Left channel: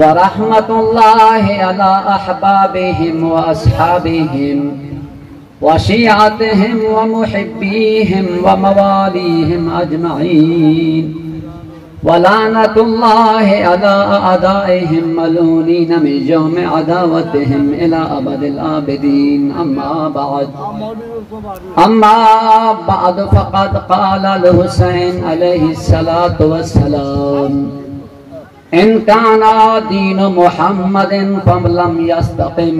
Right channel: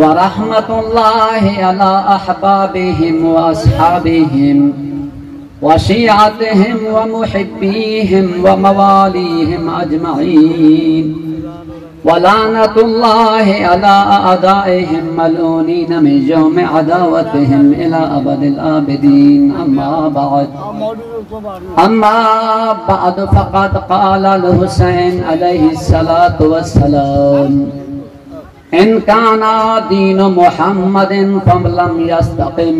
ورحمة الله على أحبابهم وأصحابهم وشيعتهم ومحبيهم ومواليهم أجمعين ولعنة الله على أعدائهم ملعونين من يوم عداوتهم إلى أبد الآبدين أما بعد فقد قال الحسين عليه الصلاة والسلام إن كان دين محمد فلم يستقم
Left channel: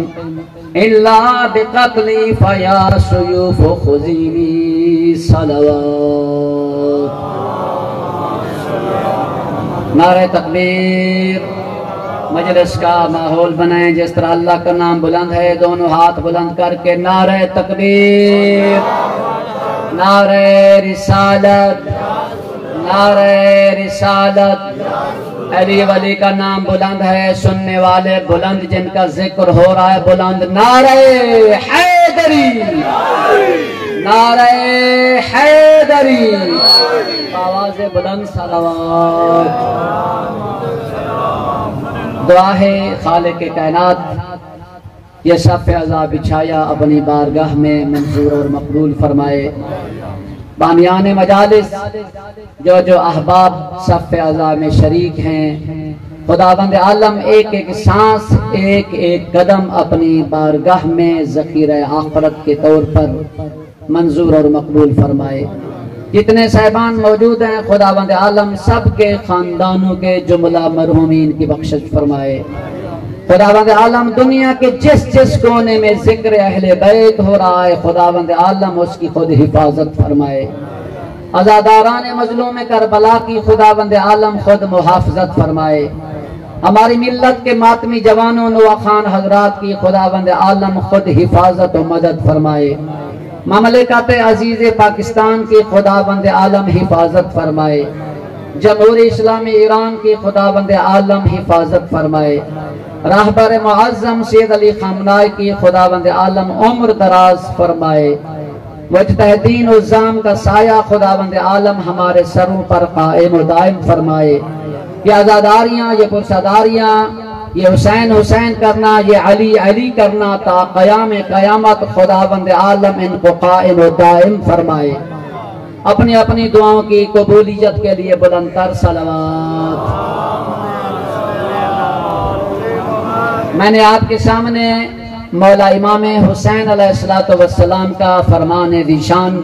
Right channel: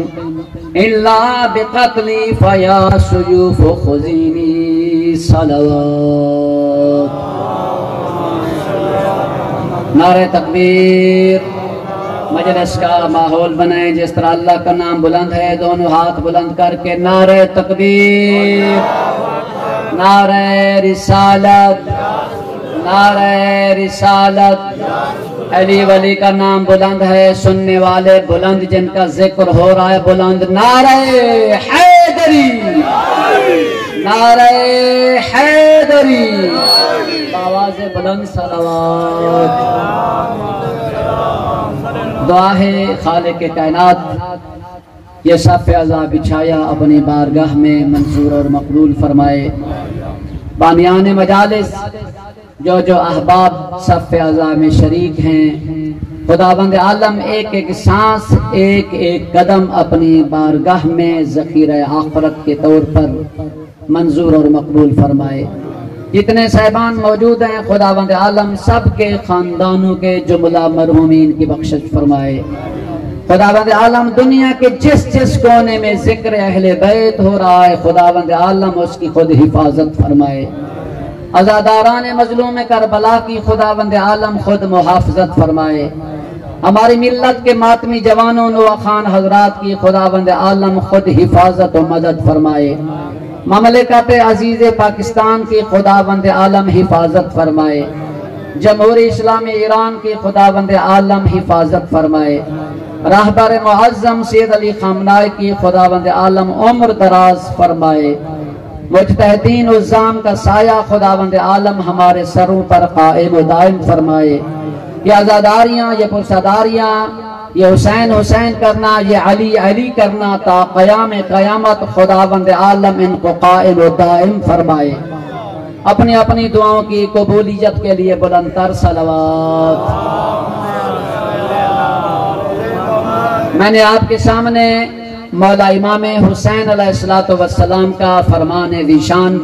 إلا بقتلي فيا سيوف خذيني صلوات نعرہ تکبیر۔ مجلس کا ماحول بنائیں جس طرح اللہ کا نام بلند ہے، دونوں ہاتھ بلند کر کے نعرہ تکبیر، نعرہ رسالت، نعرہ رسالت۔ علی ولی کا نام بلند ہے، سننے والے بلند، جن کا ذکر ہو رہا ہے بلند، نعرہ حیدری، نعرہ حیدری، آواز بلند صلوات۔ دعا ہے خالق کائنات یہ صف عزا بچھایا اپنی بارگاہ میں منظور اور مقبول فرمائے۔ بانیان مجالس جو احباب صف عزا میں شریک ہیں، خداوند عالم ایک ایک سانس، ایک ایک قدم اپنی بارگاہ میں ذخیرہ آخرت کے طور پر منظور اور مقبول فرمائے۔ جتنے صاحبان موجود ہیں خداوند عالم سب کے خاندانوں کے جملہ مرحومین کی بخشش فرمائے۔ خداوند عالم دنیا کے جس جس کونے میں ذکر اہل بیت ہو رہا ہے خداوند عالم اس کی خود حفاظت فرمائے۔ عزاداران مظلوم کربلا کی خداوند عالم خود محافظت فرمائے۔ ہماری ملت کے ماتمی جوانوں نواخان حضرات کی خداوند عالم خود حفاظت و مدد فرمائے۔ مملکت عزیز پاکستان کی خداوند عالم حفاظت فرمائے۔ جمہوری اسلامی ایران کی خداوند عالم حفاظت فرمائے۔ راہبر معظم سید علی خامنائی کی خداوند عالم عمر دراز فرمائے۔ مجتہدین عظام کا سایہ خداوند عالم ہمارے سروں پر قائم و دائم فرمائے۔ یہ عزاداریاں، یہ پرساداریاں، یہ حسین حسین کرنا، یہ علی علی کرنا تا قیام قیامت خداوند عالم ان کو قائم و دائم فرمائے۔ اپنی اپنی دعاؤں کی قبولیت کے لیے بلند تر صلوات۔ میں نے آپ کے سامنے مولا امام حسین علیہ السلام کا فرمان ذیشان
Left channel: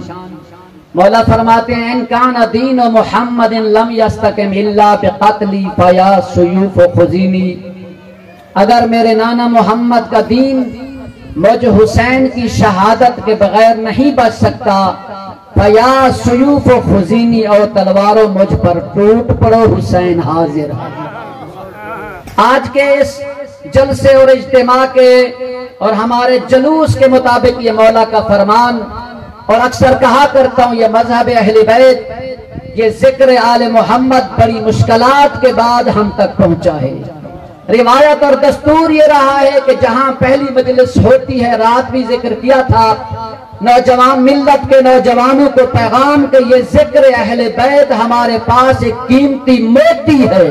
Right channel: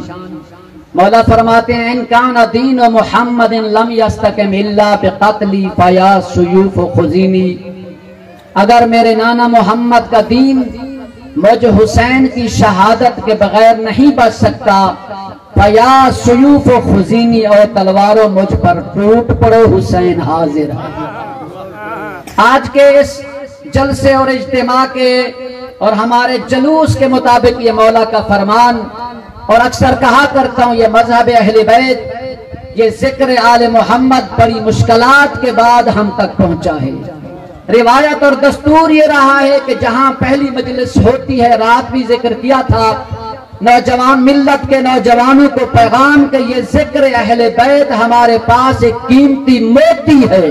مولا فرماتے ہیں ان کان دین محمد لم یستقم الا بقتلی فیا سیوف خذینی، اگر میرے نانا محمد کا دین مجھ حسین کی شہادت کے بغیر نہیں بچ سکتا، فیا سیوف خذینی، اور تلواروں مجھ پر ٹوٹ پڑو، حسین حاضر ہے۔ آج کے اس جلسے اور اجتماع کے اور ہمارے جلوس کے مطابق یہ مولا کا فرمان، اور اکثر کہا کرتا ہوں یہ مذہب اہل بیت، یہ ذکر آل محمد بڑی مشکلات کے بعد ہم تک پہنچا ہے۔ روایت اور دستور یہ رہا ہے کہ جہاں پہلی مجلس ہوتی ہے، رات بھی ذکر کیا تھا، نوجوان ملت کے نوجوانوں کو پیغام کہ یہ ذکر اہل بیت ہمارے پاس ایک قیمتی موتی ہے،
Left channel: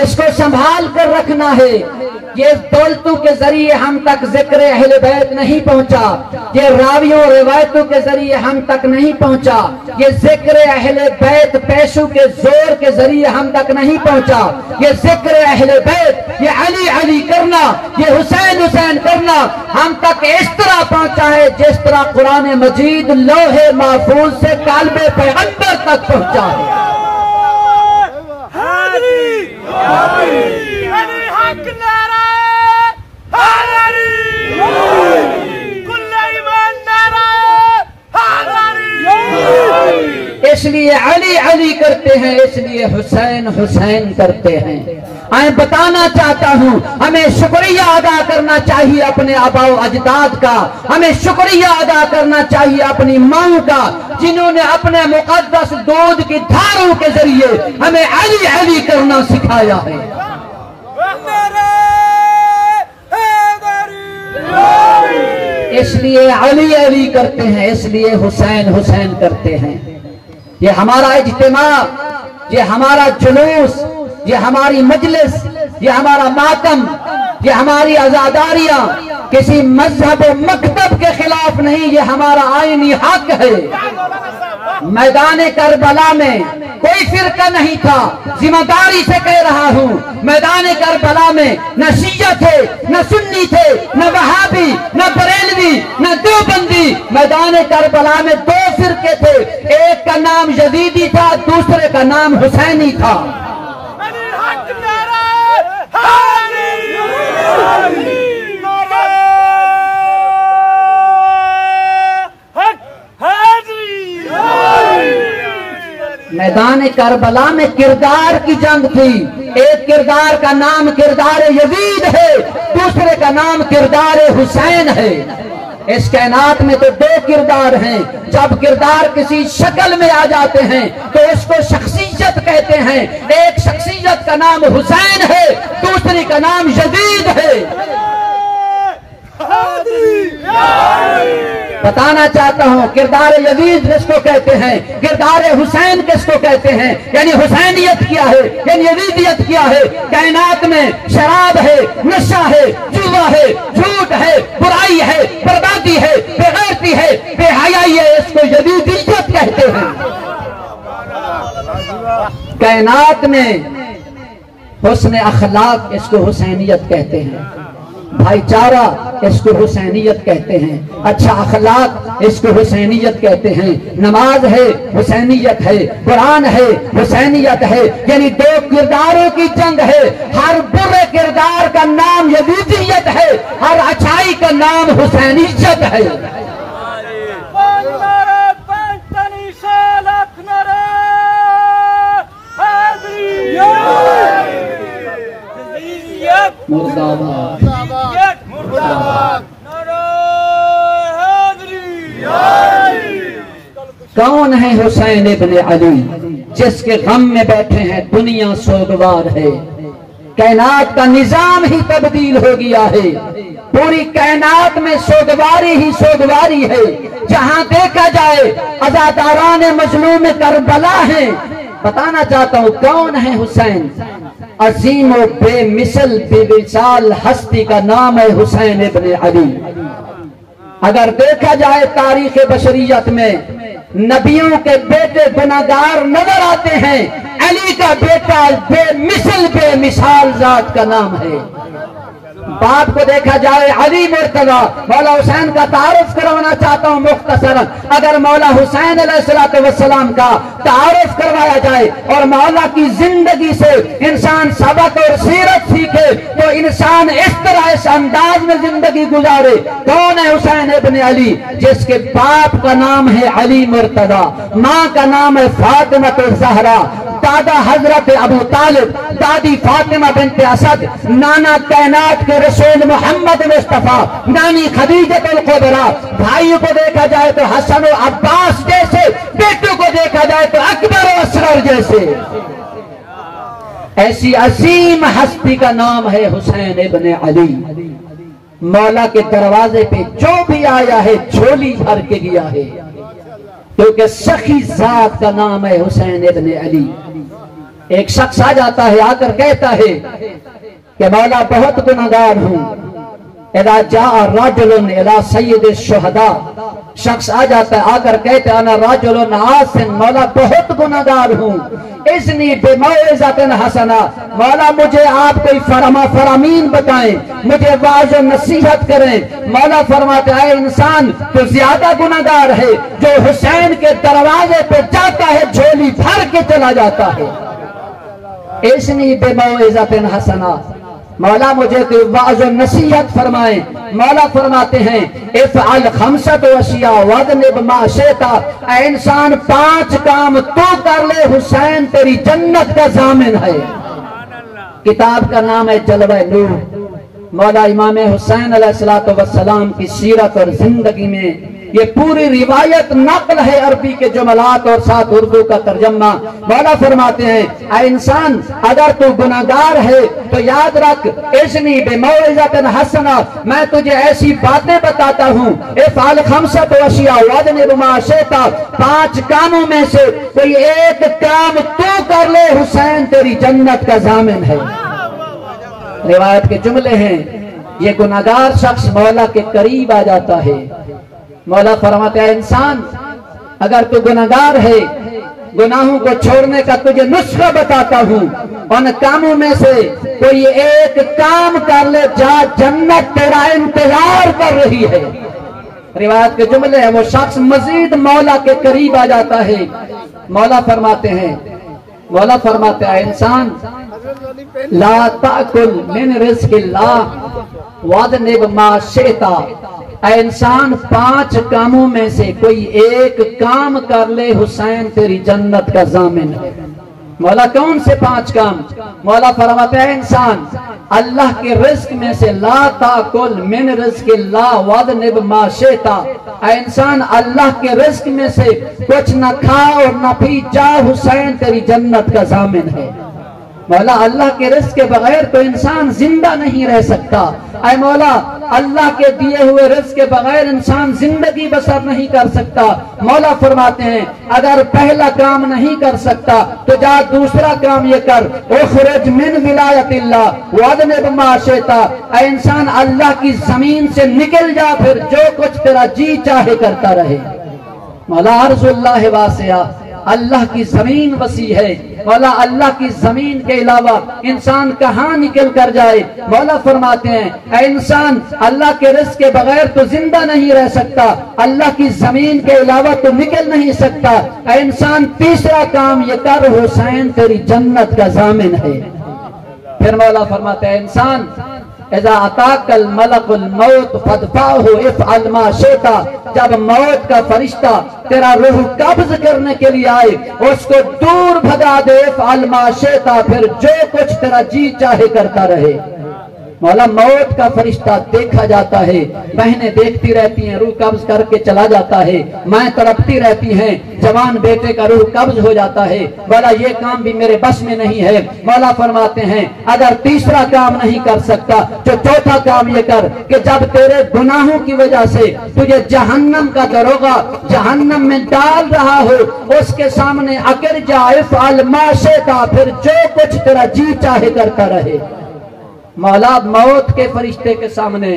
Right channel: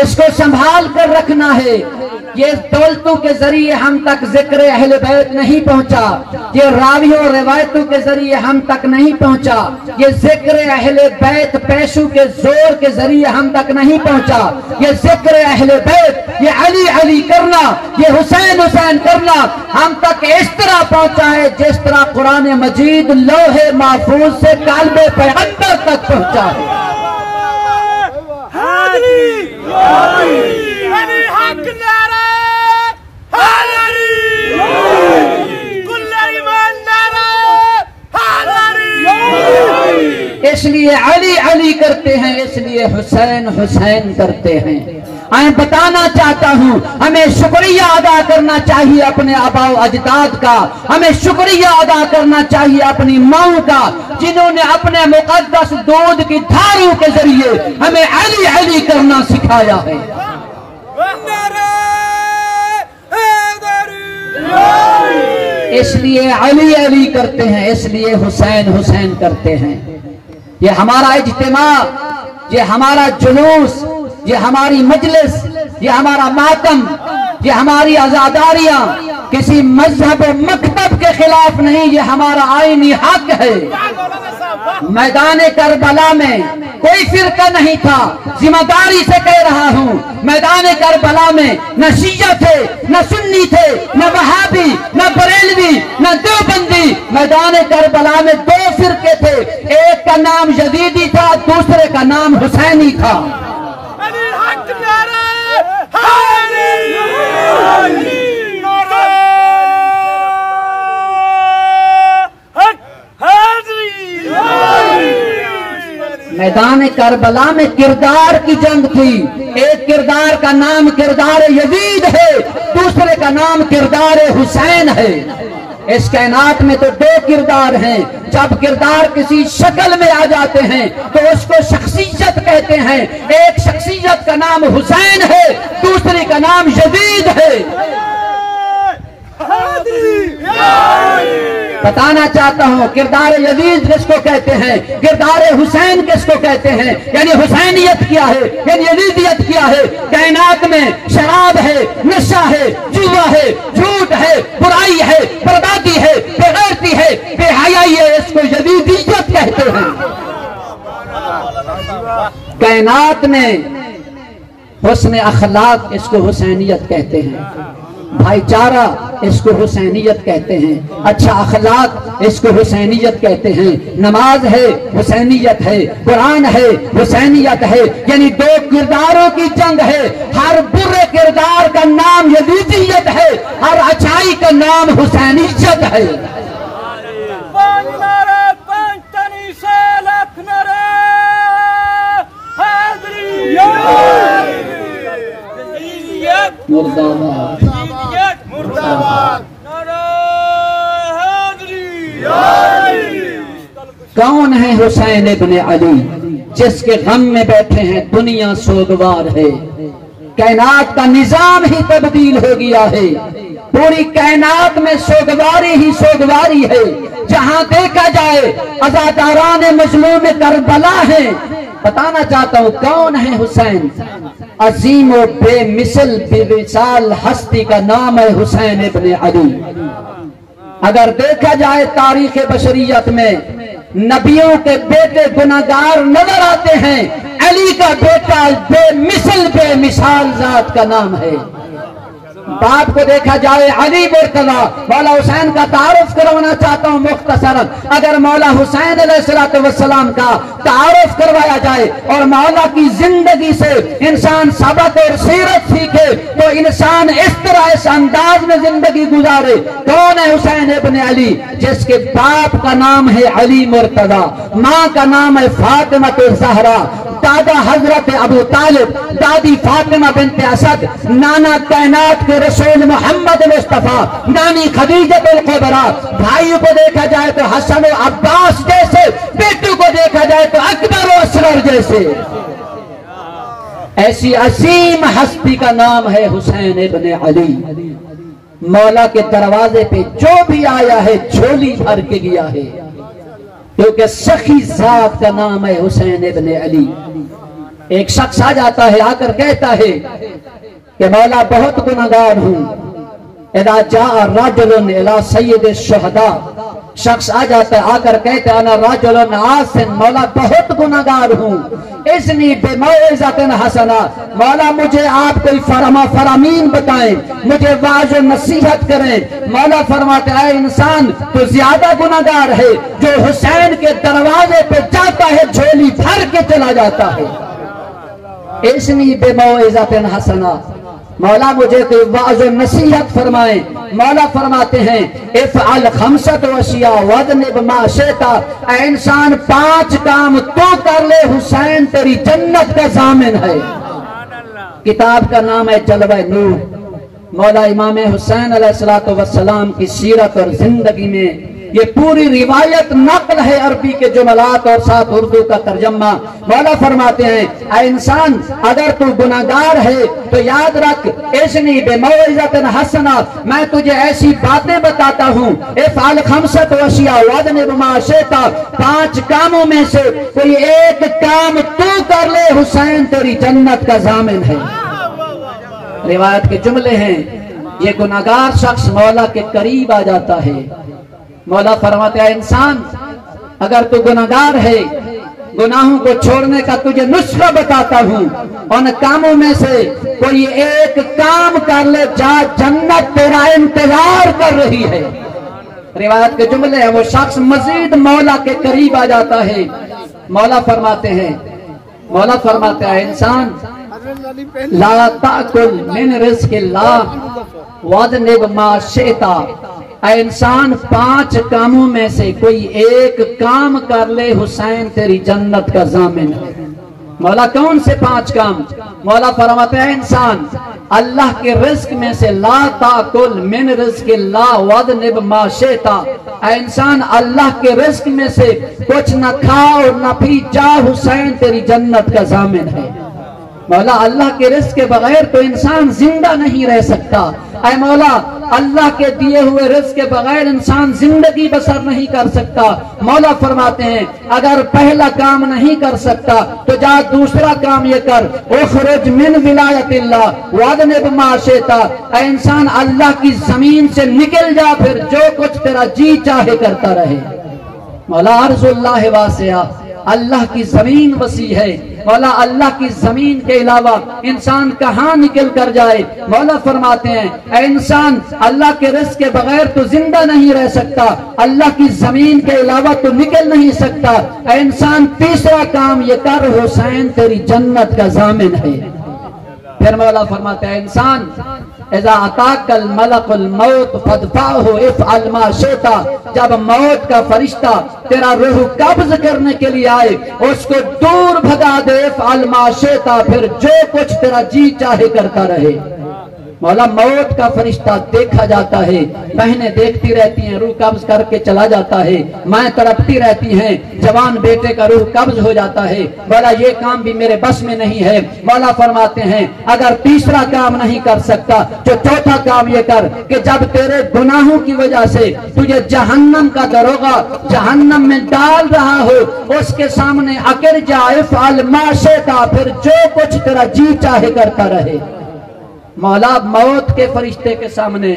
اس کو سنبھال کر رکھنا ہے۔ یہ دولتوں کے ذریعے ہم تک ذکر اہل بیت نہیں پہنچا، یہ راویوں اور روایتوں کے ذریعے ہم تک نہیں پہنچا، یہ ذکر اہل بیت پیشوں کے زور کے ذریعے ہم تک نہیں پہنچا، یہ ذکر اہل بیت، یہ علی علی کرنا، یہ حسین حسین کرنا ہم تک اس طرح پہنچا ہے جس طرح قرآن مجید لوح محفوظ سے قلب پیغمبر تک پہنچا ہے۔ اس لیے علی علی کرتے ہیں، اس لیے حسین حسین کرتے ہیں۔ میں بتانا چاہتا ہوں ہمیں شکریہ ادا کرنا چاہیے اپنے آباء و اجداد کا، ہمیں شکریہ ادا کرنا چاہیے اپنی ماؤں کا، جنہوں نے اپنے مقدس دودھ کی دھاروں کے ذریعے ہمیں علی علی کرنا سکھایا ہے۔ اس لیے علی علی کرتے ہیں، اس لیے حسین حسین کرتے ہیں۔ یہ ہمارا اجتماع، یہ ہمارا جلوس یہ ہماری مجلس، یہ ہمارا ماتم، یہ ہماری عزاداریاں کسی مذہب و مکتب کے خلاف نہیں، یہ ہمارا آئینی حق ہے۔ میدان کربلا میں کوئی فرقہ نہیں تھا، ذمہ داری سے کہہ رہا ہوں، میدان کربلا میں نہ شیعہ تھے، نہ سنی تھے، نہ وہابی، نہ بریلوی، نہ دیوبندی، میدان کربلا میں دو فرقے تھے، ایک کا نام یزیدی تھا، دوسرے کا نام حسینی تھا۔ میدان کربلا میں کردار کی جنگ تھی، ایک کردار کا نام کردار یزید ہے، دوسرے کا نام کردار حسین ہے۔ اس کائنات میں تو دو کردار ہیں، جب کردار کسی شکل میں آ جاتے ہیں تو اس کو شخصیت کہتے ہیں، ایک شخصیت کا نام حسین ہے، دوسری کا نام یزید ہے۔ بتانا چاہتا ہوں کردار یزید کس کو کہتے ہیں، کردار حسین کس کو کہتے ہیں، یعنی حسینیت کیا ہے، یعنی یزیدیت کیا ہے۔ کائنات میں شراب ہے، نشہ ہے، جوا ہے، جھوٹ ہے، برائی ہے، بربادی ہے، بے غیرتی ہے، بے حیائی ہے، اس کو یزیدیت کہتے ہیں۔ کائنات میں حسن اخلاق اس کو حسینیت کہتے ہیں، بھائی چارہ اس کو حسینیت کہتے ہیں، اچھا اخلاق اس کو حسینیت کہتے ہیں، نماز ہے حسینیت ہے، قرآن ہے حسینیت ہے، یعنی دو کرداروں کی جنگ ہے۔ ہر برے کردار کا نام یزیدیت ہے، ہر اچھائی کا نام حسینیت ہے۔ مرداباد کون ہے حسین ابن علی، جس کے غم میں بیٹھے ہیں دنیا سوگوار ہے۔ کائنات کا نظام ہی تبدیل ہو گیا ہے، پوری کائنات میں سوگواری ہی سوگواری ہے، جہاں دیکھا جائے عزاداران مظلوم کربلا ہیں۔ بتانا چاہتا ہوں کون ہے حسین، عظیم و بے مثل بے مثال ہستی کا نام ہے حسین ابن علی۔ اگر دیکھا جائے تاریخ بشریت میں نبیوں کے بیٹے گناہگار نظر آتے ہیں، علی کا بیٹا بے مثل بے مثال ذات کا نام ہے۔ باپ کو دیکھا جائے علی مرتضی، مولا حسین کا تعارف کروانا چاہتا ہوں مختصراً۔ اگر مولا حسین علیہ السلام کا تعارف کروایا جائے اور مولا کی زندگی سے انسان سبق اور سیرت سیکھے تو انسان اس طرح اس انداز میں زندگی گزارے۔ کون ہے حسین ابن علی، جس کے باپ کا نام ہے علی مرتضی، ماں کا نام ہے فاطمہ الزہرا، دادا حضرت ابو طالب، دادی فاطمہ بنت اسد، نانا کائنات کے رسول محمد مصطفیٰ، نانی خدیجہ الکبریٰ۔ بھائیوں کو دیکھا جائے تو حسن و عباس جیسے، بیٹوں کو دیکھا جائے تو اکبر و اصغر جیسے۔ ایسی عظیم ہستی کا نام ہے حسین ابن علی۔ مولا کے دروازے پہ جو بھی آیا ہے جھولی بھر کے گیا ہے، کیونکہ سخی ذات کا نام ہے حسین ابن علی۔ ایک شخص آ جاتا ہے، آ کر کہتا ہے کہ مولا بہت گناہگار ہوں۔ اذا جاء رجل الى سید الشہداء، شخص آ جاتا ہے، آ کر کہتا ہے انا رجل عاصٍ، مولا بہت گناہگار ہوں، اذنی بموعظۃ حسنہ، مولا مجھے آپ کوئی فرامین بتائیں، مجھے واعظ و نصیحت کریں۔ مولا فرماتے اے انسان تو زیادہ گناہگار ہے جو حسین کے دروازے پہ جاتا ہے جھولی بھر کے چلا جاتا ہے۔ اذنی بموعظۃ حسنہ، مولا مجھے کوئی واعظ و نصیحت فرمائیں۔ مولا فرماتے ہیں افعل خمسۃ اشیاء واجنب ما شئت، اے انسان 5 کام تو کر لے، حسین تیری جنت کا ضامن ہے۔ کتاب کا نام ہے جلوہ نور۔ مولا امام حسین علیہ السلام کی سیرت اور زندگی میں یہ پوری روایت نقل ہے عربی کے جملات اور ساتھ اردو کا ترجمہ۔ مولا فرماتے ہیں اے انسان اگر تو گناہگار ہے تو یاد رکھ اذنی بموعظۃ حسنہ، میں تجھے ایسی باتیں بتاتا ہوں، افعل خمسۃ اشیاء واجتنب ما شئت، 5 کاموں میں سے کوئی ایک کام تو کر لے حسین تیری جنت کا ضامن ہے۔ روایت کے جملے ہیں، یہ گناہگار شخص مولا کے قریب آ جاتا ہے۔ مولا فرماتے ہیں انسان اگر تو گناہگار ہے، گناہوں کو چھوڑنے کا تجھے نسخہ بتاتا ہوں، ان کاموں میں سے کوئی ایک کام کر لے، جا جنت تیرا انتظار کر رہی ہے۔ روایت کے جملے ہیں، وہ شخص مزید مولا کے قریب آ جاتا ہے۔ مولا فرماتے ہیں انسان لا تأکل من رزق اللہ واجتنب ما شئت، اے انسان 5 کاموں میں سے کوئی ایک کام کر لے حسین تیری جنت کا ضامن ہے۔ مولا کون سے 5 کام؟ مولا فرماتے ہیں انسان اللہ کے رزق میں سے لا تأکل من رزق اللہ واجتنب ما شئت، اے انسان اللہ کے رزق میں سے کچھ نہ کھا اور نہ پی، جا حسین تیری جنت کا ضامن ہے۔ مولا اللہ کے رزق کے بغیر تو انسان زندہ نہیں رہ سکتا، اے مولا اللہ کے دیے ہوئے رزق کے بغیر انسان زندگی بسر نہیں کر سکتا۔ مولا فرماتے ہیں اگر پہلا کام نہیں کر سکتا تو جا دوسرا کام یہ کر، اخرج من ولایت اللہ واجتنب ما شئت، اے انسان اللہ کی زمین سے نکل جا، پھر جو کچھ تیرا جی چاہے کرتا رہے۔ مولا ارض اللہ واسعہ، اللہ کی زمین وسیع ہے۔ مولا اللہ کی زمین کے علاوہ انسان کہاں نکل کر جائے؟ مولا فرماتے ہیں اے انسان اللہ کے رزق کے بغیر تو زندہ نہیں رہ سکتا، اللہ کی زمین کے علاوہ تو نکل نہیں سکتا، اے انسان تیسرا کام یہ کر، حسین تیری جنت کا ضامن ہے۔ پھر مولا فرماتے ہیں انسان اذا اتاک الملک الموت فادفعہ افعل ما شئت، جب موت کا فرشتہ تیرا روح قبض کرنے کے لیے آئے اس کو دور بھگا دے، افعل ما شئت، پھر جو کچھ تیرا جی چاہے کرتا رہے۔ مولا موت کا فرشتہ دیکھا جاتا ہے، بہنیں دیکھتی رہتی ہیں، روح قبض کر کے چلا جاتا ہے، مائیں تڑپتی رہتی ہیں، جوان بیٹے کا روح قبض ہو جاتا ہے، مولا یہ کام بھی میرے بس میں نہیں ہے۔ مولا فرماتے ہیں اگر تیسرا کام نہیں کر سکتا تو چوتھا کام یہ کر کہ جب تیرے گناہوں کی وجہ سے تجھے جہنم کا دروغہ جہنم میں ڈال رہا ہو، اس کے سامنے اکڑ جا، افعل ما شئت، پھر جو کچھ تیرا جی چاہے کرتا رہے۔ مولا موت کے فرشتے کے سامنے،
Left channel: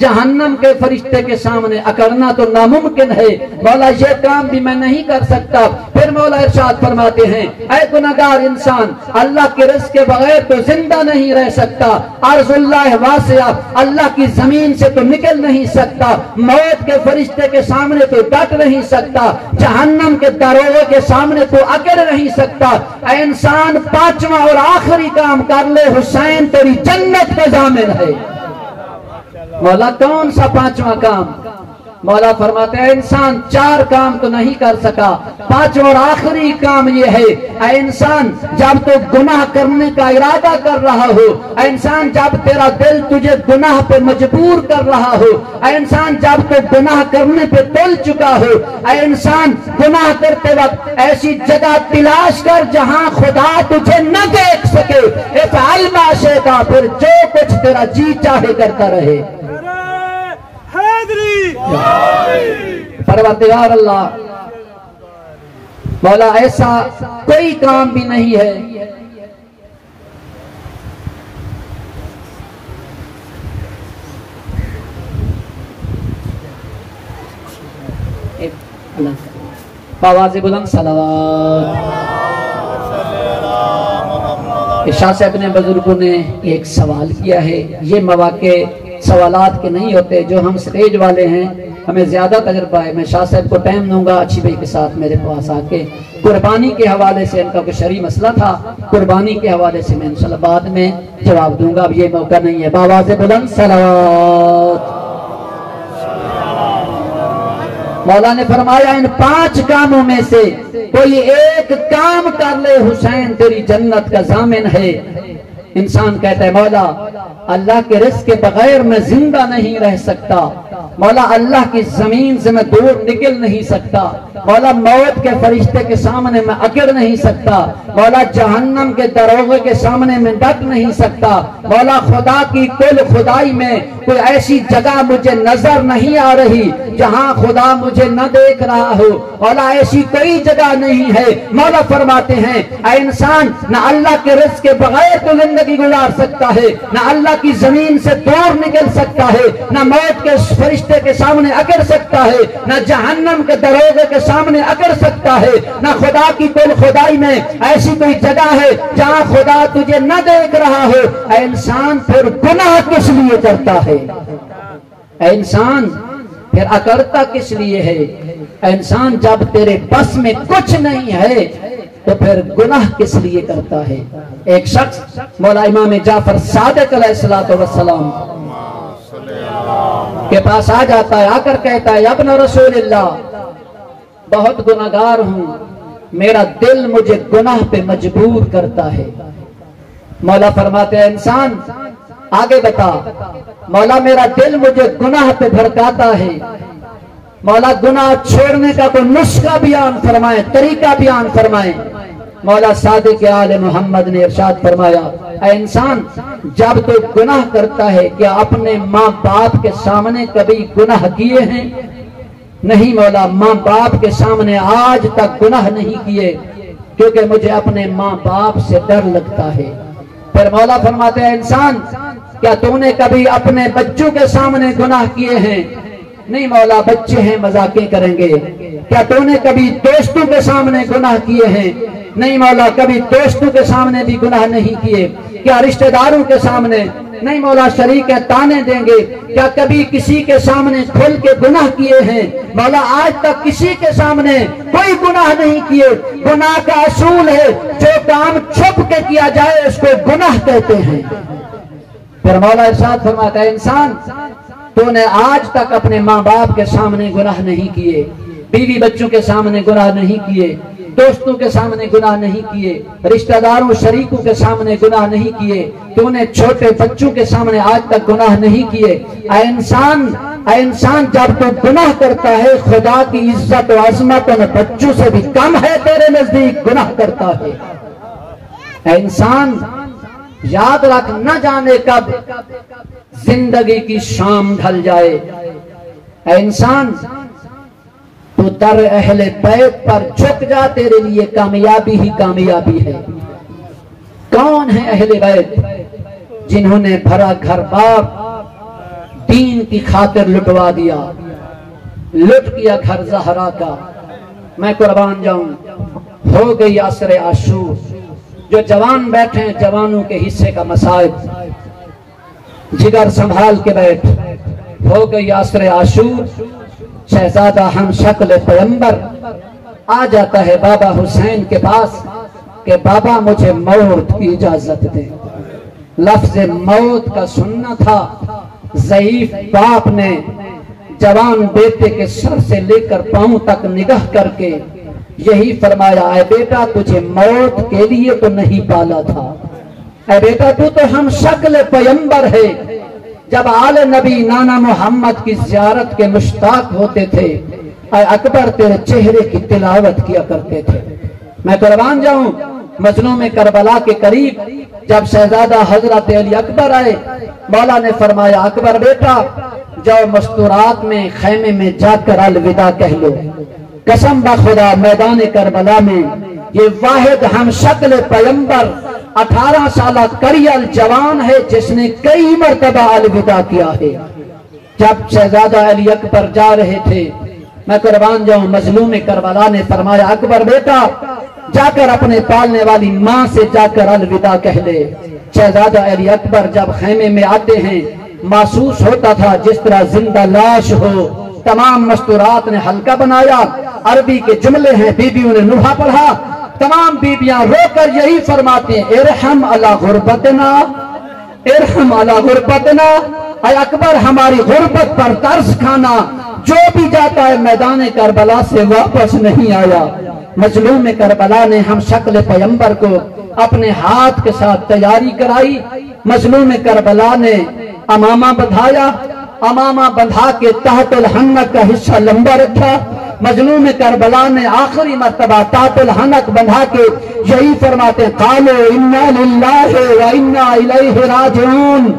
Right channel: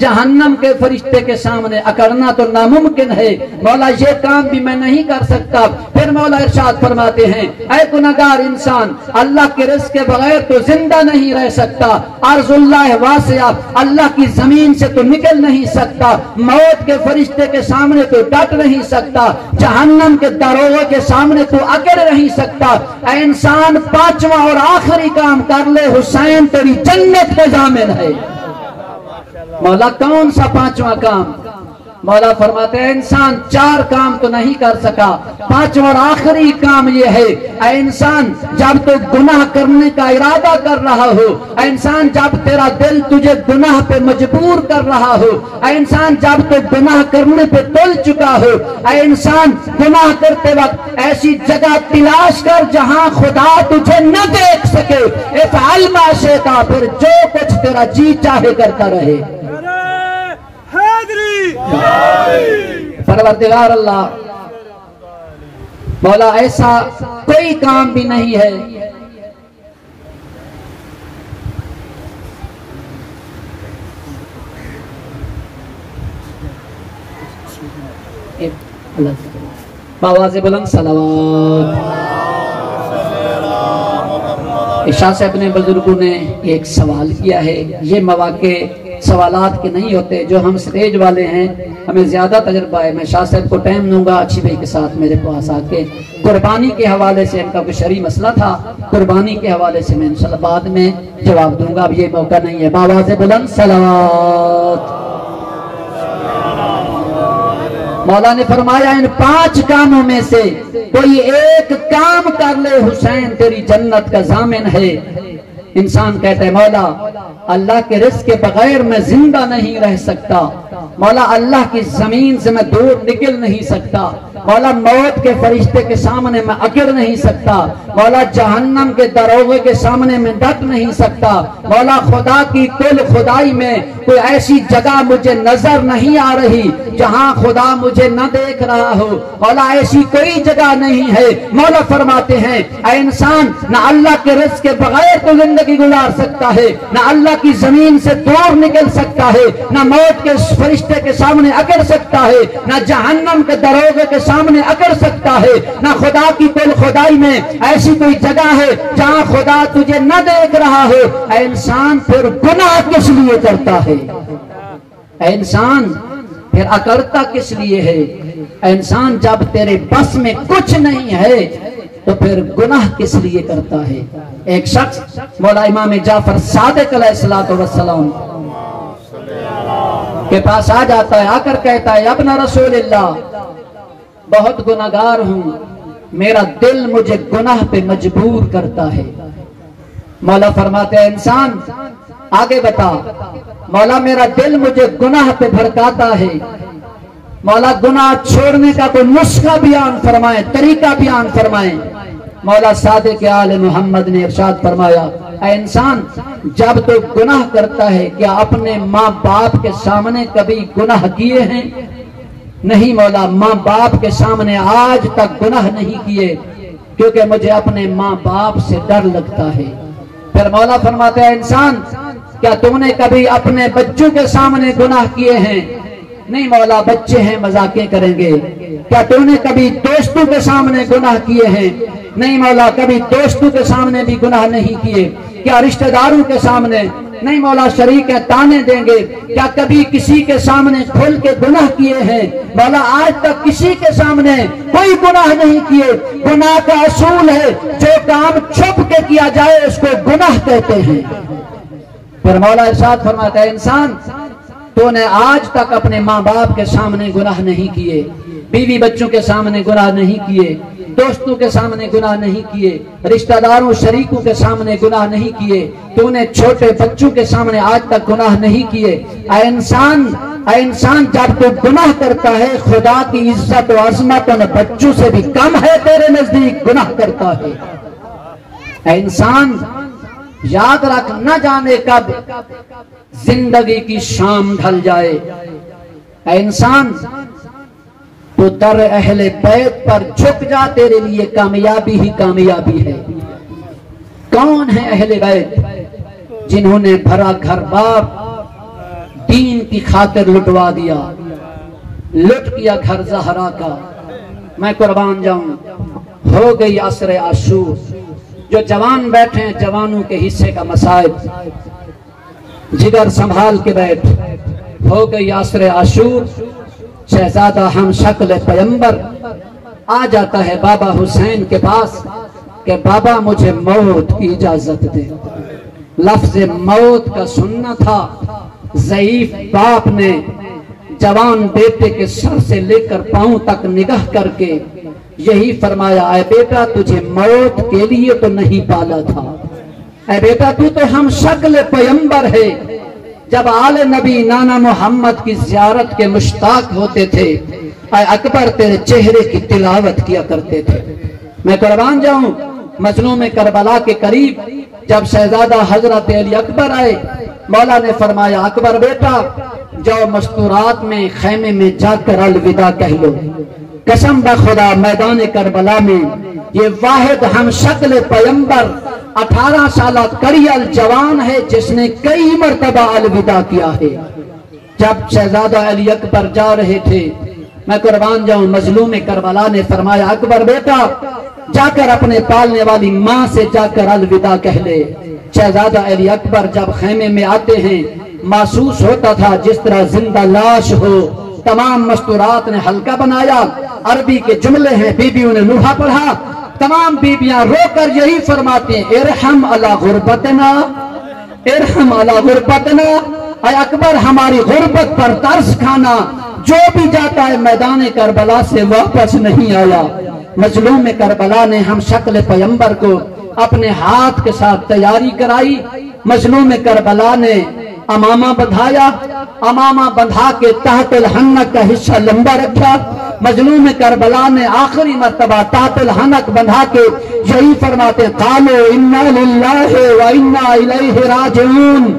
جہنم کے فرشتے کے سامنے اکڑنا تو ناممکن ہے، مولا یہ کام بھی میں نہیں کر سکتا۔ پھر مولا ارشاد فرماتے ہیں اے گناہگار انسان اللہ کے رزق کے بغیر تو زندہ نہیں رہ سکتا، ارض اللہ واسعہ، اللہ کی زمین سے تو نکل نہیں سکتا، موت کے فرشتے کے سامنے تو ڈٹ نہیں سکتا، جہنم کے دروغے کے سامنے تو اکڑ نہیں سکتا، اے انسان 5واں اور آخری کام کر لے، حسین تیری جنت کے ضامن ہے۔ مولا کون سا 5واں کام؟ مولا فرماتے ہیں انسان 4 کام تو نہیں کر سکا، 5واں اور آخری کام یہ ہے اے انسان جب تو گناہ کرنے کا ارادہ کر رہا ہو، اے انسان جب تیرا دل تجھے گناہ پہ مجبور کر رہا ہو، اے انسان جب تو گناہ کرنے پہ تل چکا ہو، اے انسان گناہ کرتے وقت ایسی جگہ تلاش کر جہاں خدا تجھے نہ دیکھ سکے، افعل ما شئت، پھر جو کچھ تیرا جی چاہے کرتا رہے۔ پروردگار اللہ مولا ایسا کوئی کام بھی نہیں ہے آواز بلند صلوات۔ شاہ صاحب نے بزرگوں نے ایک سوال کیا ہے، یہ مواقع سوالات کے نہیں ہوتے، جو ہم سٹیج والے ہیں ہمیں زیادہ تجربہ ہے، میں شاہ صاحب کو ٹائم دوں گا اچھی بھائی کے ساتھ میرے پاس آ کے قربانی کے حوالے سے، ان کا کوئی شرعی مسئلہ تھا، قربانی کے حوالے سے میں انشاءاللہ بعد میں جواب دوں گا، اب یہ موقع نہیں ہے۔ بآواز بلند صلوات۔ مولا نے فرمایا ان 5 کاموں میں سے کوئی ایک کام کر لے، حسین تیری جنت کا ضامن ہے۔ انسان کہتا ہے مولا اللہ کے رزق کے بغیر میں زندہ نہیں رہ سکتا، مولا اللہ کی زمین سے میں دور نکل نہیں سکتا، مولا موت کے فرشتے کے سامنے میں اکڑ نہیں سکتا، مولا جہنم کے دروغے کے سامنے میں ڈٹ نہیں سکتا، مولا خدا کی کل خدائی میں کوئی ایسی جگہ مجھے نظر نہیں آ رہی جہاں خدا مجھے نہ دیکھ رہا ہو، مولا ایسی کوئی جگہ نہیں ہے۔ مولا فرماتے ہیں اے انسان، نہ اللہ کے رزق کے بغیر تو زندگی گزار سکتا ہے، نہ اللہ کی زمین سے دور نکل سکتا ہے، نہ موت کے فرشتے کے سامنے اکڑ سکتا ہے، نہ جہنم کے دروغے کے سامنے اکڑ سکتا ہے، نہ خدا کی کل خدائی میں ایسی کوئی جگہ ہے جہاں خدا تجھے نہ دیکھ رہا ہو۔ اے انسان پھر گناہ کس لیے کرتا ہے؟ اے انسان پھر اکڑتا کس لیے ہے؟ اے انسان جب تیرے بس میں کچھ نہیں ہے تو پھر گناہ کس لیے کرتا ہے؟ ایک شخص مولا امام جعفر صادق علیہ السلام کے پاس آ جاتا ہے، آ کر کہتا ہے ابن رسول اللہ، بہت گناہگار ہوں، میرا دل مجھے گناہ پہ مجبور کرتا ہے۔ مولا فرماتے ہیں انسان آگے بتا۔ مولا میرا دل مجھے گناہ پہ بھڑکاتا ہے، مولا گناہ چھوڑنے کا کوئی نسخہ بیان فرمائے، طریقہ بیان فرمائے۔ مولا صادق آل محمد نے ارشاد فرمایا اے انسان، جب تو گناہ کرتا ہے کیا اپنے ماں باپ کے سامنے کبھی گناہ کیے ہیں؟ نہیں مولا، ماں باپ کے سامنے آج تک گناہ نہیں کیے کیونکہ مجھے اپنے ماں باپ سے ڈر لگتا ہے۔ پھر مولا فرماتے ہیں انسان، کیا تم نے کبھی اپنے بچوں کے سامنے گناہ کیے ہیں؟ نہیں مولا، بچے ہیں مذاقیں کریں گے۔ کیا تم نے کبھی دوستوں کے سامنے گناہ کیے ہیں؟ نہیں مولا، کبھی دوستوں کے سامنے بھی گناہ نہیں کیے۔ کیا رشتہ داروں کے سامنے؟ نہیں مولا، شریک تانے دیں گے۔ کیا کبھی کسی کے سامنے کھل کے گناہ کیے ہیں؟ مولا آج تک کسی کے سامنے کوئی گناہ نہیں کیے۔ گناہ کا اصول ہے جو کام چھپ کے کیا جائے اس کو گناہ کہتے ہیں۔ پھر مولا ارشاد فرماتا ہے انسان، تو نے آج تک اپنے ماں باپ کے سامنے گناہ نہیں کیے، بیوی بچوں کے سامنے گناہ نہیں کیے، دوستوں کے سامنے گناہ نہیں کیے، رشتہ داروں شریکوں کے سامنے گناہ نہیں کیے، تو نے چھوٹے بچوں کے سامنے آج تک گناہ نہیں کیے۔ اے انسان جب تو گناہ کرتا ہے خدا کی عزت و عظمت ان بچوں سے بھی کم ہے، تیرے نزدیک گناہ کرتا ہے۔ اے انسان یاد رکھ، نہ جانے کب زندگی کی شام ڈھل جائے۔ اے انسان تو در اہل بیت پر جھک جا، تیرے لیے کامیابی ہی کامیابی ہے۔ کون ہیں اہل بیت؟ جنہوں نے بھرا گھر بار دین کی خاطر لٹوا دیا، لٹ کیا گھر زہرا کا۔ میں قربان جاؤں، ہو گئی عصر عاشور، جو جوان بیٹھے ہیں جوانوں کے حصے کا مسائب، جگر سنبھال کے بیٹھ۔ ہو گئی عصر عاشور، شہزادہ ہم شکل پیمبر آ جاتا ہے بابا حسین کے پاس کہ بابا مجھے موت کی اجازت دے۔ لفظ موت کا سننا تھا۔ ضعیف باپ نے جوان بیٹے کے سر سے لے کر پاؤں تک نگاہ کر کے یہی فرمایا، اے بیٹا تجھے موت کے لیے تو نہیں پالا تھا، اے بیٹا تو ہم شکل پیمبر ہے۔ جب آل نبی نانا محمد کی زیارت کے مشتاق ہوتے تھے، اے اکبر تیرے چہرے کی تلاوت کیا کرتے تھے۔ میں قربان جاؤں، مظلوم کربلا کے قریب جب شہزادہ حضرت علی اکبر آئے، مولا نے فرمایا اکبر بیٹا جاؤ مستورات میں خیمے میں جا کر الوداع کہہ لو۔ قسم بخدا میدان کربلا میں یہ واحد ہم شکل پیمبر 18 سالہ کریل جوان ہے جس نے کئی مرتبہ الوداع کیا ہے۔ جب شہزادہ علی اکبر جا رہے تھے، میں قربان جاؤں، مظلوم کربلا نے فرمایا اکبر بیٹا جا کر اپنے پالنے والی ماں سے جا کر الوداع کہہ لے۔ شہزادہ علی اکبر جب خیمے میں آتے ہیں، محسوس ہوتا تھا جس طرح زندہ لاش ہو۔ تمام مستورات نے حلقہ بنایا، عربی کے جملے ہیں، بیویوں نے نوحہ پڑھا۔ تمام بیویاں رو کر یہی فرماتے ہیں، ارحم علی غربتنا، ارحم علی غربتنا، اے اکبر ہماری غربت پر ترس کھانا۔ جو بھی جاتا ہے میدان کربلا سے واپس نہیں آیا۔ مظلوم کربلا نے ہم شکل پیمبر کو اپنے ہاتھ کے ساتھ تیاری کرائی۔ مظلوم کربلا نے امامہ بدھایا، امامہ بندھا کے تحت الحنک کا حصہ لمبا رکھا۔ مظلوم کربلا نے آخری مرتبہ تحت الحنک بندھا کے یہی فرماتے قالوا انا للہ و انا الیہ راجعون۔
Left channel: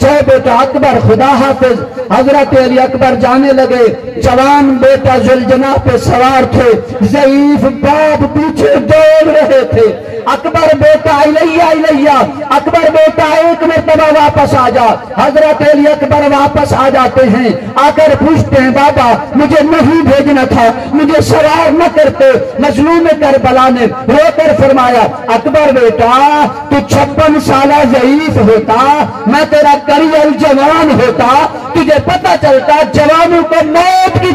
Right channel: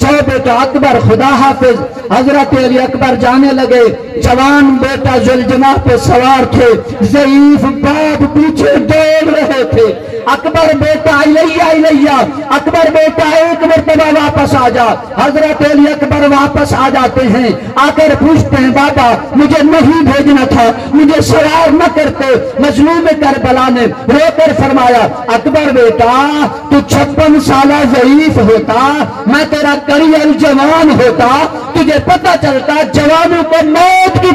جب بیٹا اکبر خدا حافظ حضرت علی اکبر جانے لگے، جوان بیٹا ذوالجناح پہ سوار تھے، ضعیف باپ پیچھے دوڑ رہے تھے۔ اکبر بیٹا الیہ الیہ، اکبر بیٹا ایک مرتبہ واپس آ جا۔ حضرت علی اکبر واپس آ جاتے ہیں، آ کر پوچھتے ہیں بابا مجھے نہیں بھیجنا تھا، مجھے سوار نہ کرتے۔ مظلوم کربلا نے رو کر فرمایا اکبر بیٹا تو 56 سالہ ضعیف ہوتا، میں تیرا کریل جوان ہوتا، تجھے پتہ چلتا جوانوں کو موت کی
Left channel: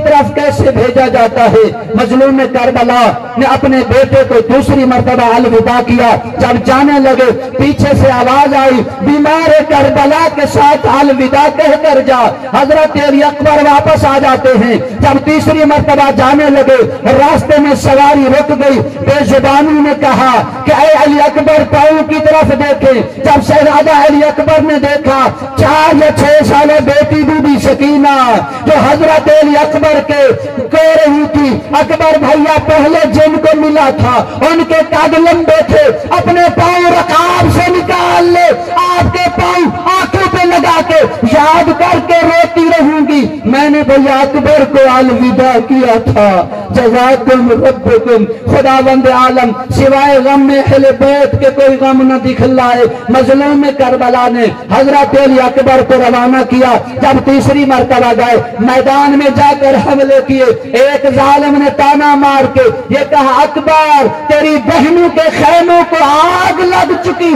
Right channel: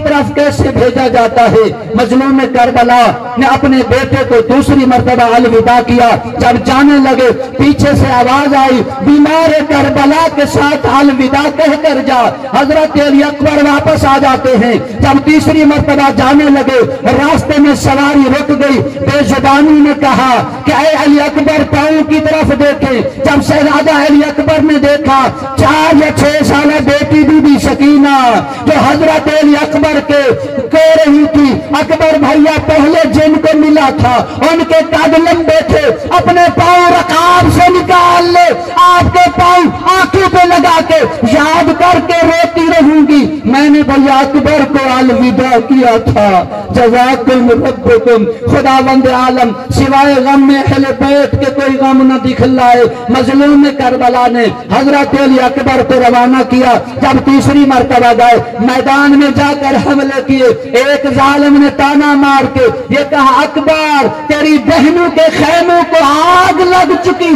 طرف کیسے بھیجا جاتا ہے۔ مظلوم کربلا نے اپنے بیٹے کو دوسری مرتبہ الوداع کیا۔ جب جانے لگے پیچھے سے آواز آئی بیمار کربلا کے ساتھ الوداع کہہ کر جا۔ حضرت علی اکبر واپس آ جاتے ہیں۔ جب تیسری مرتبہ جانے لگے راستے میں سواری رک گئی، بے زبانی نے کہا کہ اے علی اکبر پاؤں کی طرف دیکھیں۔ جب شہزادہ علی اکبر نے دیکھا 4 یا 6 سالہ بیٹی بی بی سکینہ جو حضرت علی اکبر کے کہہ رہی تھی اکبر بھیا پہلے جن کو ملا تھا ان کے قد لمبے تھے، اپنے پاؤں رکاب سے نکال لے، آپ کے پاؤں آنکھوں پہ لگا کے یاد کر کے روتی رہوں گی، میں نے بھیا اکبر کو الوداع کیا تھا۔ جزاکم ربکم، خداوند عالم سوائے غم میں اہل بیت کے کوئی غم نہ دکھلائے۔ مظلوم کربلا نے حضرت علی اکبر کو روانہ کیا۔ جب تیسری مرتبہ گئے میدان میں جا کر حملے کیے، ایک ظالم نے تانا مار کے یہ کہا اکبر تیری بہنوں کے خیموں کو آگ لگ چکی۔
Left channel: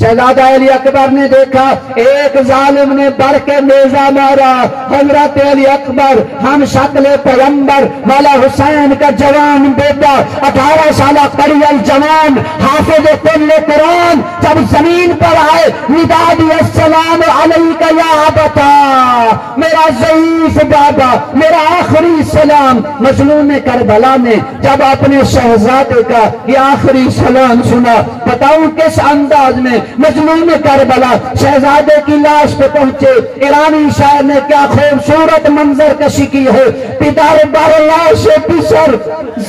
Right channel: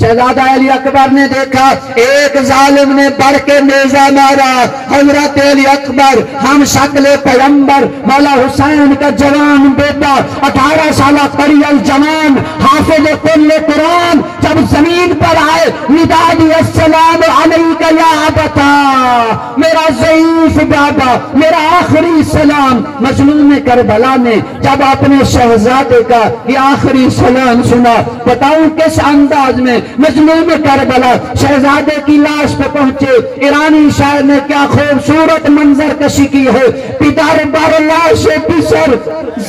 شہزادہ علی اکبر نے دیکھا ایک ظالم نے بڑھ کے نیزہ مارا۔ حضرت علی اکبر ہم شکل پیغمبر مولا حسین کا جوان بیٹا 18 سالہ قریل جوان حافظ کل قرآن جب زمین پر آئے ندا دیا السلام علیک یا ابتا، میرا ضعیف بابا، میرا آخری سلام۔ مظلوم کربلا نے جب اپنے شہزادے کا یہ آخری سلام سنا، بتاؤں کس انداز میں مظلوم کربلا شہزادے کی لاش پہ پہنچے۔ ایرانی شاعر نے کیا خوبصورت منظر کشی کی ہے، پدر بر لاش پسر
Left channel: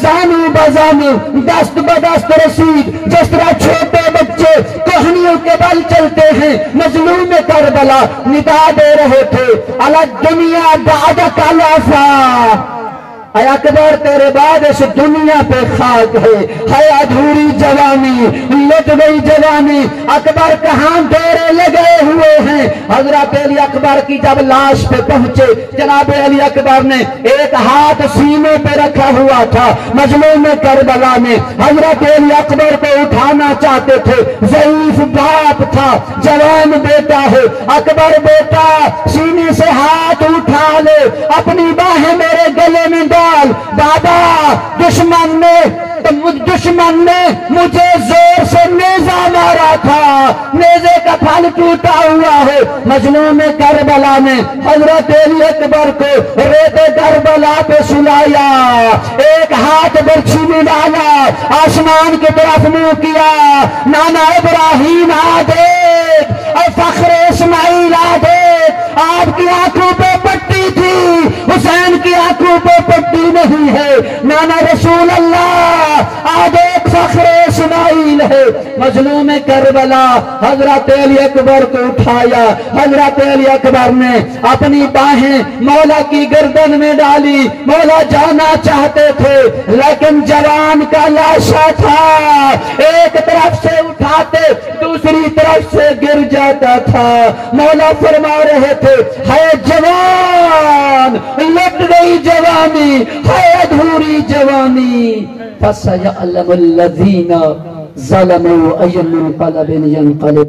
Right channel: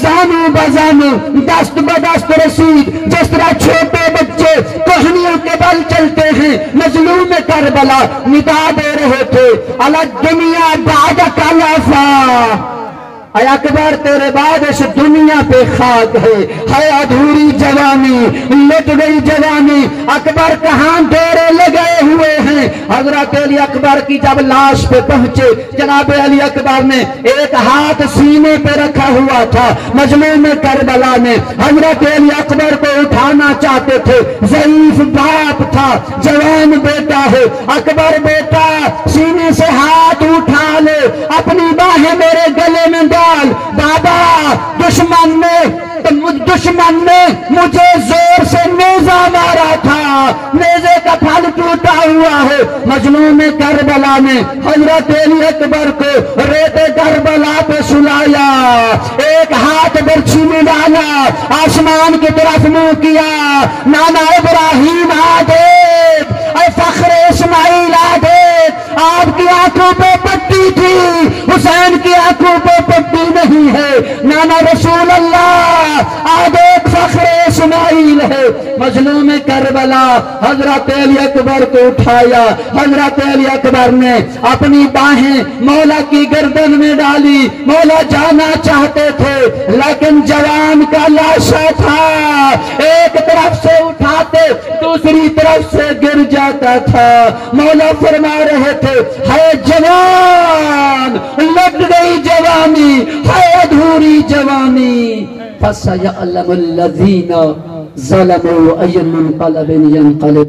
زانو بزانو دست بدست رسید، جس طرح چھوٹے بچے کہنیوں کے بل چلتے ہیں۔ مظلوم کربلا ندا دے رہے تھے الگ دنیا بعدک الافا، اے اکبر تیرے بعد اس دنیا پہ خاک ہے ادھوری جوانی، لٹ گئی جوانی۔ اکبر کہاں ڈیرے لگے ہوئے ہیں۔ حضرت علی اکبر کی جب لاش پہ پہنچے جناب علی اکبر نے ایک ہاتھ سینے پہ رکھا ہوا تھا۔ مظلوم کربلا نے حضرت علی اکبر کو اٹھانا چاہتے تھے، ضعیف باپ تھا، جوان بیٹا ہے۔ اکبر بیٹا سینے سے ہاتھ اٹھا لے، اپنی باہیں میرے گلے میں ڈال۔ بابا دشمن نے مجھے زور سے نیزہ مارا تھا، نیزے کا پھل ٹوٹا ہوا ہے۔ مظلوم کربلا نے حضرت علی اکبر کو ریت کربلا پہ سلایا، ایک ہاتھ برچھی میں ڈالا، آسمان کی طرف منہ کیا، نانا ابراہیم آ دیکھ، اے فخر اسماعیل آ دیکھ، آپ کی آنکھوں پہ پٹی تھی، حسین کی آنکھوں پہ پٹی نہیں ہے، نانا رسول اللہ آ دیکھ فخر اسماعیل ہے۔ مظلوم کربلا حضرت علی اکبر کو اٹھایا، حضرت علی اکبر نے اپنی باہیں مولا کی گردن میں ڈالی، مولا جانا چاہتے تھے لیکن جوان کا لاشا تھا، ایک طرف سے اٹھاتے دوسری طرف سے گر جاتا تھا۔ مولا فرما رہے تھے ہے جوان لٹ گئی جوانی، ہے ادھوری جوانی، فَسَيَعْلَمُ الَّذِينَ ظَلَمُوا أَيَّ مُنقَلَبٍ يَنقَلِبُونَ۔